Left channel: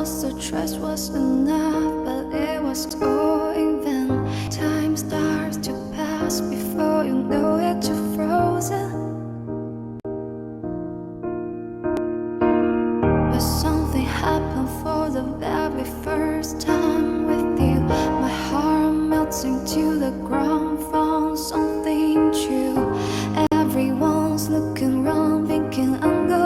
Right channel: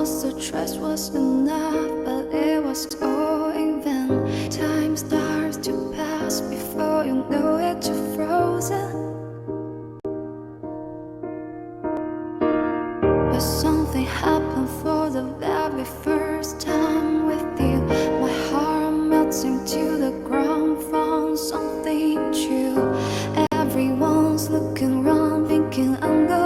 was the trust was enough, but it was all in vain. Time starts to pass before you know it, you're frozen. But something happened for the very first time with you. My heart melting to the ground, found something true. Everyone's looking around, thinking I'm gonna